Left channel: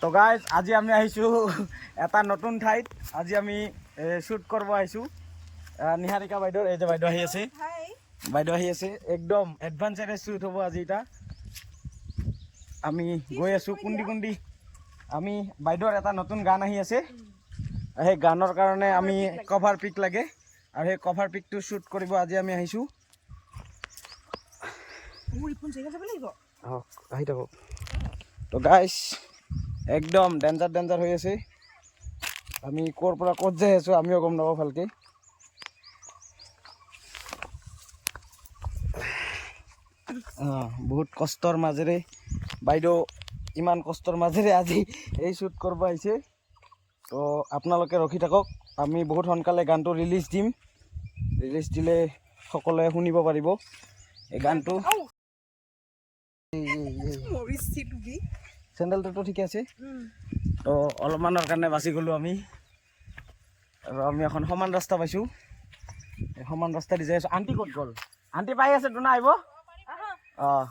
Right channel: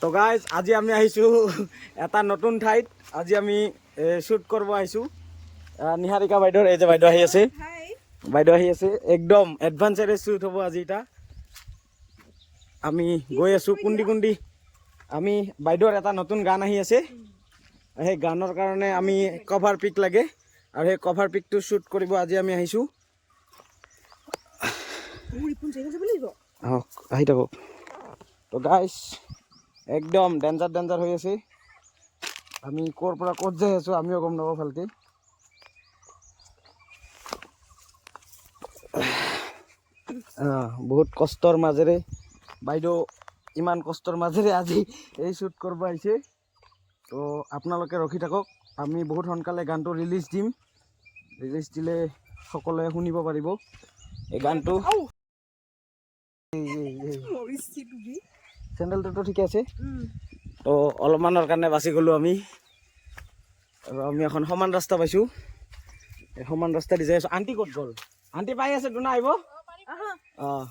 তো গাইজ আজি আমি আহিছোঁ এটা নতুন ঠাইত। আজি আমি শ্বুট কৰিব আহিছোঁ নিহাৰিকা বাইদেউৰ। এই যে বাইদেউ আহি আছে, বাইদেউ আহি আছে, একদম এডভান্সেৰে শ্বুট হ'ব আজি। এটা আমি গৈ আছোঁ কুন্দি কুন্দি। আমি বাইদেউৰ এটা নতুন গান আহি আছে, সেই গানৰ কাৰণে আমি কভাৰ পিক লাগে আৰু সেই কভাৰ পিকটো শ্বুট কৰিব আজি আমি আহিছোঁ। আহি থাকক। তো গাইজ একদম ডেঞ্জাৰ ডেঞ্জাৰ হৈ আছে। আমি ক'ৰ পৰা ক'ত যাই আছোঁ আমিও গম নাপাওঁ ভালকৈ। বহুত কষ্টৰ মাজেৰে বাইদেউ ইমান কষ্টৰ মাজেৰে আজি এই শ্বুট কৰিব আহিছে। তো আপোনালোকে ৰখি থাকক, আমি বহুত সোনকালে গানটো ৰিলিজ দিম। ৰিলিজ দিলে সকলোৱে শুনিব পাৰিব এই গানটো। চেণ্ডেলটোতো ঠিকে আছে। তো অলপমানৰ কাৰণে বাচি গ'লোঁ আমি, আৰু আমি এখন সমান ৰাস্তা পাইছোঁ। এই সমান ৰাস্তা দি যাই আছোঁ। আণ্টি ক'ত গ'ল? আণ্টি পাই আছে তো না আহিব? অঁ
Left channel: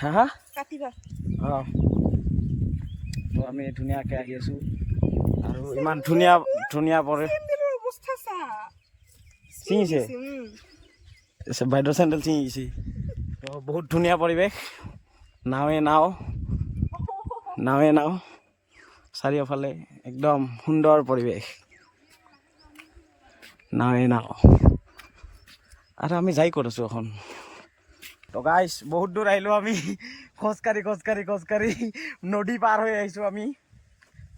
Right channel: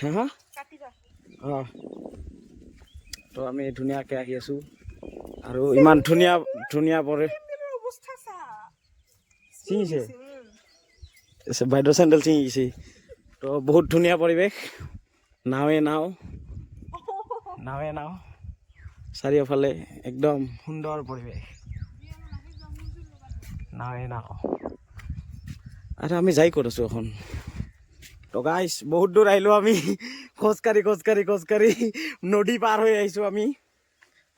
হা হা অঁ। তো আমি ধুনীয়াকৈ আহি আছোঁ আৰু ইমান ধুনীয়া ধুনীয়া পৰে ছিঙিছে বাইদেউ চেণ্ডেল ছিঙিছে। তো বহুত ধুনীয়া পৰিৱেশ, নাৱে নাও চাৰিওফালে একদম সুন্দৰ পৰিৱেশ, নাৱে নাও। আৰু আমি যাই ক'ত আছোঁ এখন? তো গাইজ বহুত দূৰ আহিলোঁ আমি, খোজকাঢ়ি নদী পাৰ হৈ আহিছোঁ আমি,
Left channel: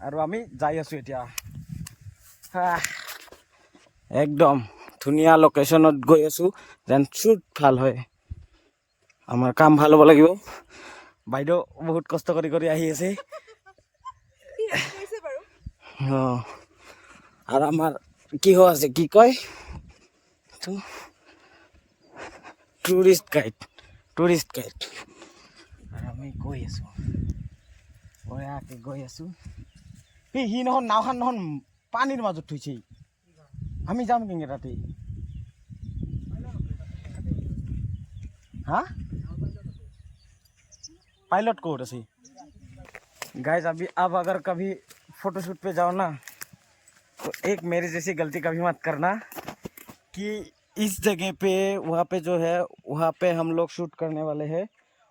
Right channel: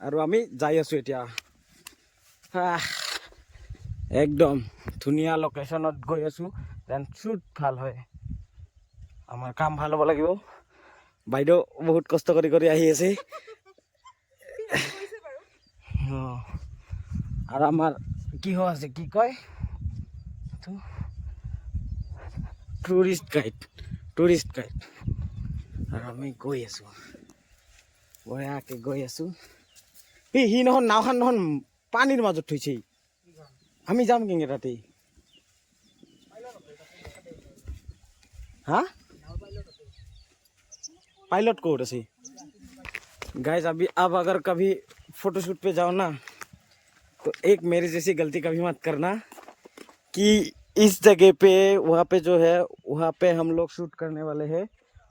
আৰু আমি যাই আছোঁ এতিয়া একদম ধুনীয়া লোকেশ্যনত গৈ আছোঁ যেন শ্বুট ভাল হয়, আমাৰ কাম ভাল হ'ব লাগিব। বাইদেউ বহুত কষ্ট কৰি আহি আছে। অঁ আৰু আমাৰ কিহ আছে, কি কয়, টুৰিষ্ট গাইড। আৰু আমি গৈ আছোঁ, বঢ়িয়াকৈ গৈ আছোঁ। সি নহয় নাওখন নহয় পানীৰ মাজত থৈছে, আমি যাম কেনেকৈ তাতে? हाँ पायलट कोड ऐसी गाइस। अभी अब अगर कभी फोटोशूट पे जाओ ना तो एक मेरे जैसी गलती कभी मत करना कि इस जगह पे वहाँ पे जो है वहाँ पे हम लोग शूट करने वाले हैं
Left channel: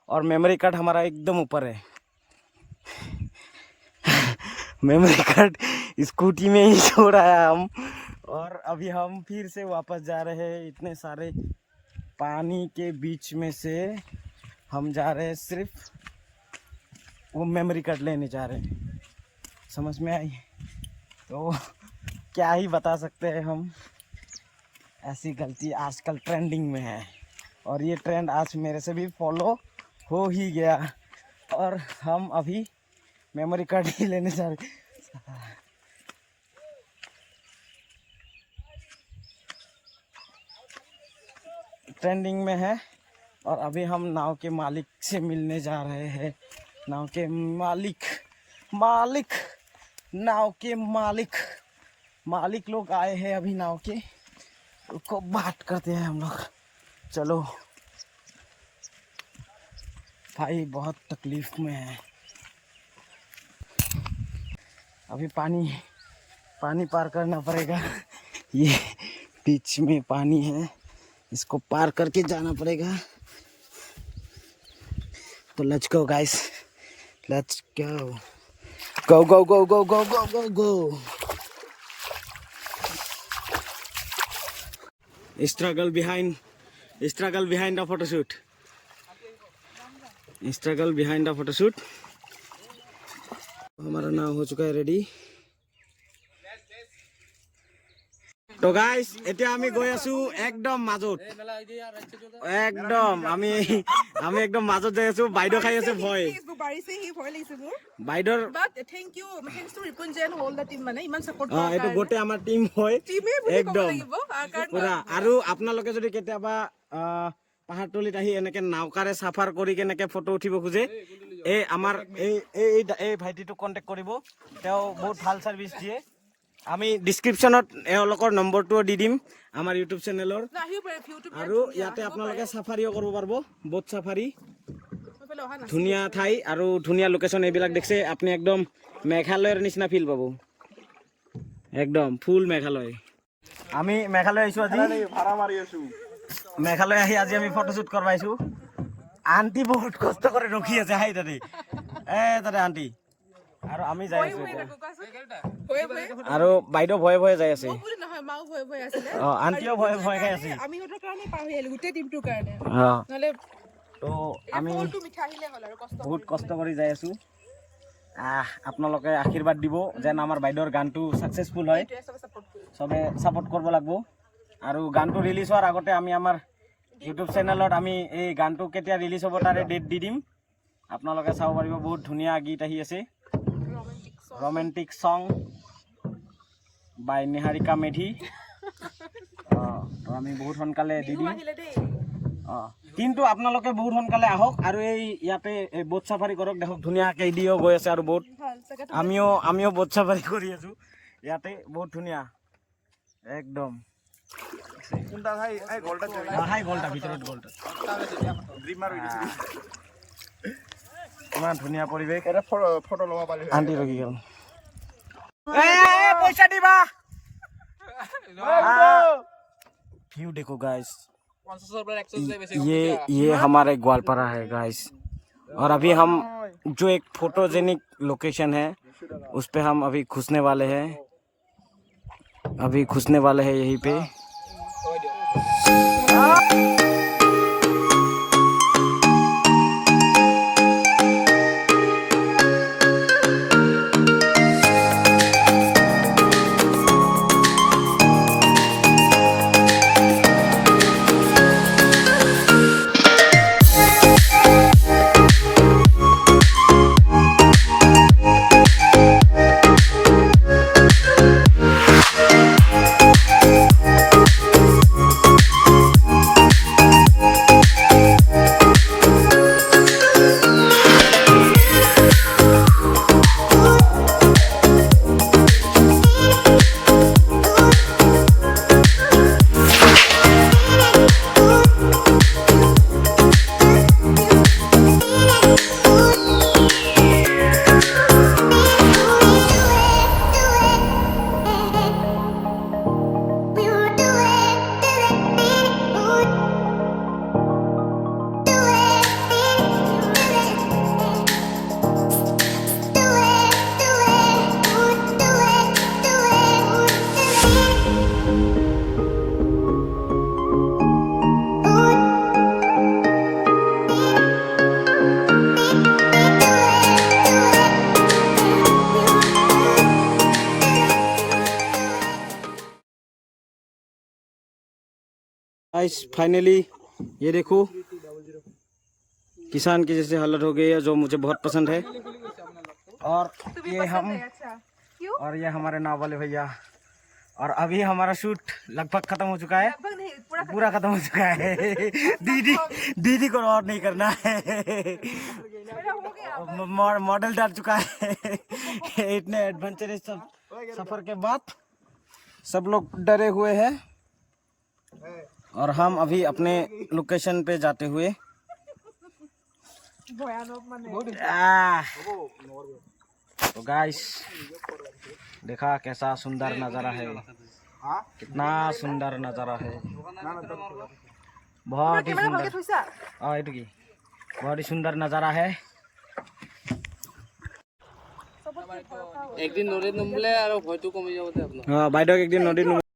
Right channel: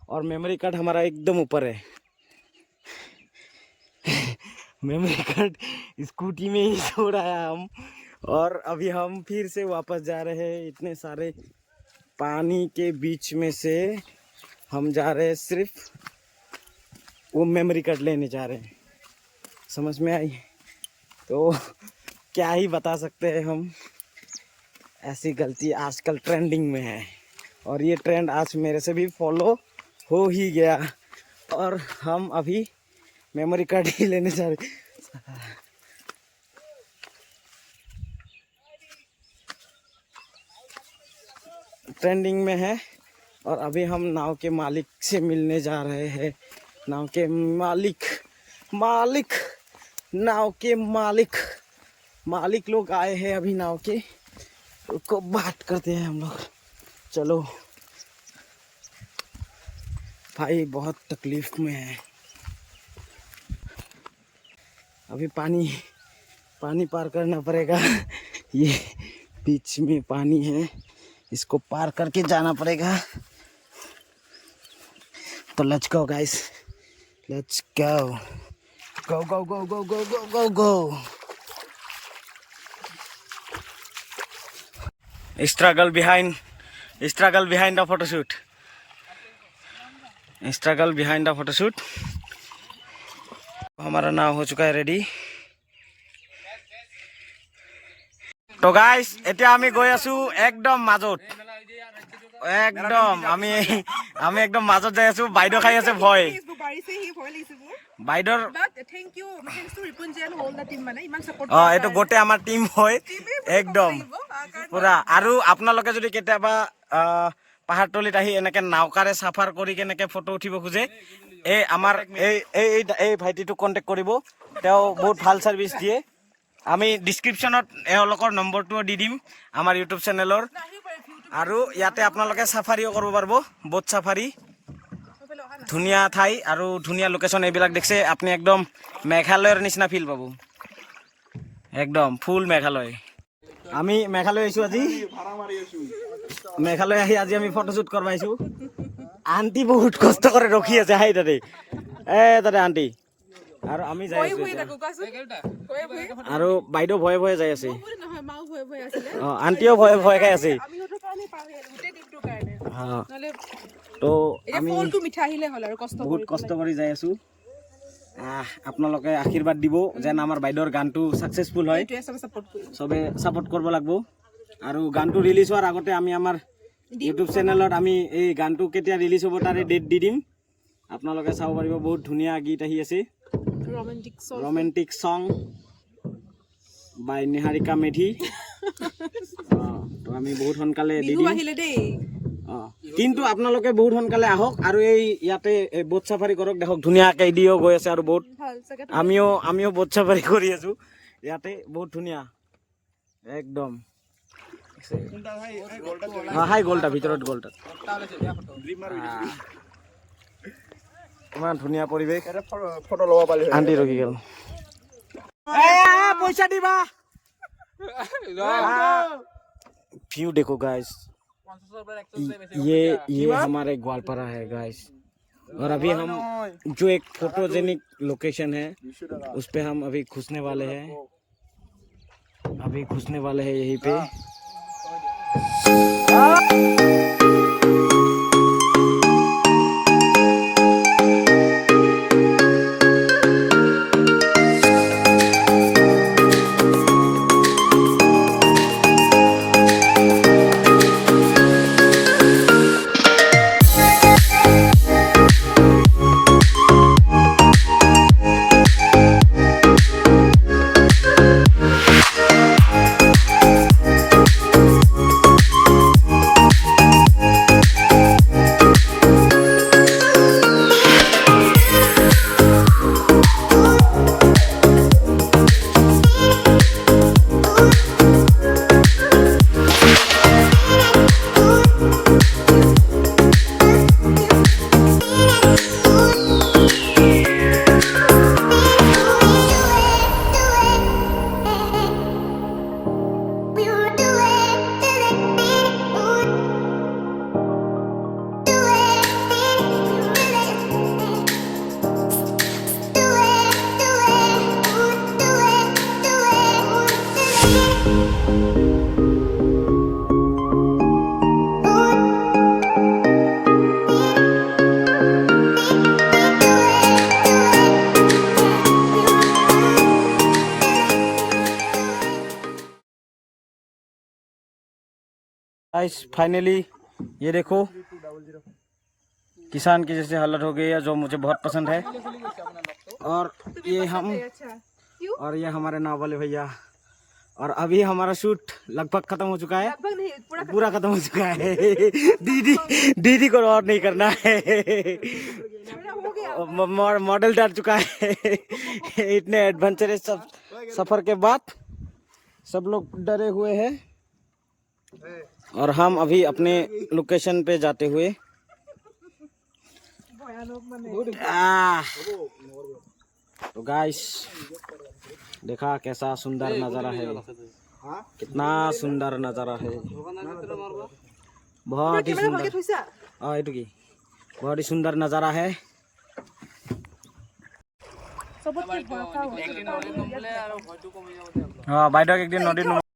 और मेमोरी कार्ड हमारा एकदम ऊपर है। मेमोरी कार्ड स्कूटी में ही छोड़ा है हम, और अभी हम फिर से वापस जा रहे हैं। इतने सारे पानी के बीच में से हम जा रहे हैं, सिर्फ वो मेमोरी कार्ड लेने जा रहे हैं। समझ में आई? तो क्या ही बता सकते हैं हम, ऐसी गलती आजकल ट्रेंडिंग में है और ये ट्रेंड आज मेरे से भी फॉलो हो ही गया, और हम अभी मेमोरी कार्ड ही लेने जा रहे। ट्रेंडिंग में है और अभी हम नाव के मालिक से मिलने जा रहे हैं। नाव के मालिक लोग आए हैं अभी नाव के, उसको बात करते हैं हम लोग। चलो भाई बहुत तकलीफ में है, अभी पानी पार करना पड़ेगा। ये बीच में पानी है, इसको पार करके जाना पड़ेगा। तो let's go guys, let's go go go go go go go go go. Struggle behind the photoshoot, हमारा नाव हो चुका है रेडी। तो गाइस এতিয়া আমি গৈ আছো একদম মাজত, আমি একদম মাজত যাই আছো। বাইদেউ খাই আছে ভয়, বাইদেউৰ এইটো গোটেই আমাৰ টিম হয় একদম পুৰা। আৰু আপোনালোকে যদি কেতিয়াবা পাহাৰতলিত আহি এনেকে নাওকাৰে চাফাৰ কৰি কেনেকে ফটো উঠিব খোজে, এই আমাৰ এই ভাইটিটোক কণ্টেক্ট কৰিব, তেওঁ বহুত ভাল ছাৰ্ভিচ দিয়ে। আমি ডিছক্ৰিপশ্যনত এওঁলোকৰ নম্বৰটোও দি দিম আমাৰ ইউটিউব চেনেলৰ। আৰু ইয়াতে আপোনালোকে চাফাৰীও কৰিব পাৰিব, বোট চাফাৰী। ধুনীয়া ঠাই আৰু ধুনীয়া লোকেশ্যন এইবিলাক দেখছে আপুনি একদম মেঘালয়ৰ নিচিনা ফিল পাব একদম ফুল মেঘালয় আমি মেঘালয় আহিছোঁ আজি মেঘালয় আহি আজি আমি ফটোশ্বুট কৰিব আহিছোঁ আন্টি বহুত কষ্ট কৰি ৰখি আছে হাই তাতে তাতে আন্টি আৰু আমি যাই আছোঁ এতিয়া আৰু বাইদেউ ভয়ে ভয়ে যাই আছে অঁ আন্টিও ভয়ে ভয়ে খাই আছে তো আমি বহুত কষ্ট কৰি যাই আছোঁ আপোনালোকে আশীৰ্বাদ দিব যেন আমাৰ বাইদেউৰ গানটো ছাকচেছফুল হয় চবে ছাপোৰ্ট কৰিব লাগিব আৰু গানটো ৰিলিজ হোৱাৰ আগতে আমি আমাৰ ইউটিউব চেনেলত আমি এই গানটো কেতিয়া ৰিলিজ হ'ব তাৰে ডেট দি দিম আপোনালোকে চাব পাৰিব বহুত ধুনীয়া গীত আহি আছে ৰোমেণ্টিক সং বাই নিহাৰিকা মেধি তো আমি বহুত সোনকালে দি দিম কিন্তু আপোনালোকে বহুত সোনকালে আহক আৰু এই ইয়াতে বোট চাফাৰী কৰক দেখক ধুনীয়াকৈ দিও গৈ আছে আৰু বহুত আমিও বোট চাফাৰী কৰি আছোঁ ইয়াতে বহুত ধুনীয়া একদম হাই গ'লটা ভিতৰত গ'লটা ইমান ধুনীয়া পৰিৱেশ ফটো ল'ব পাৰি আন্টি ৰখি গ'ল পইচা দিবা व्यू देखो गाइस ये हमारे ग्वालपारा है गाइस और अभी हम जो एक फोटोजेनिक लोकेशन है उस पे हम अभी घुसने वाले हैं यहीं पे गाइस फाइनली ये देखो किसान की जैसे हालत हो गई है जो मुझे बहुत पसंद है और ये हमारे नाव वाले भैया और अभी हमारा शूट लगभग खत्म हो चुका है पूरा खत्म हो चुका है दीदी को और नहीं करना है मॉडल डर चुका है इतने एडवेंचरस सफर के बाद सब लोग डरे हुए हैं और हम अभी अपने लोकेशन पे जाते हुए तो गाइस देखा कैसा सुंदर नज़ारा है कितना सुंदर नज़ारा है बहुत ही सुंदर बहुत ही सुंदर नज़ारा है एक दिन नदीत नुमले और भयটো कमी যাব। हाँ বাইদেউ एक दिन नदीत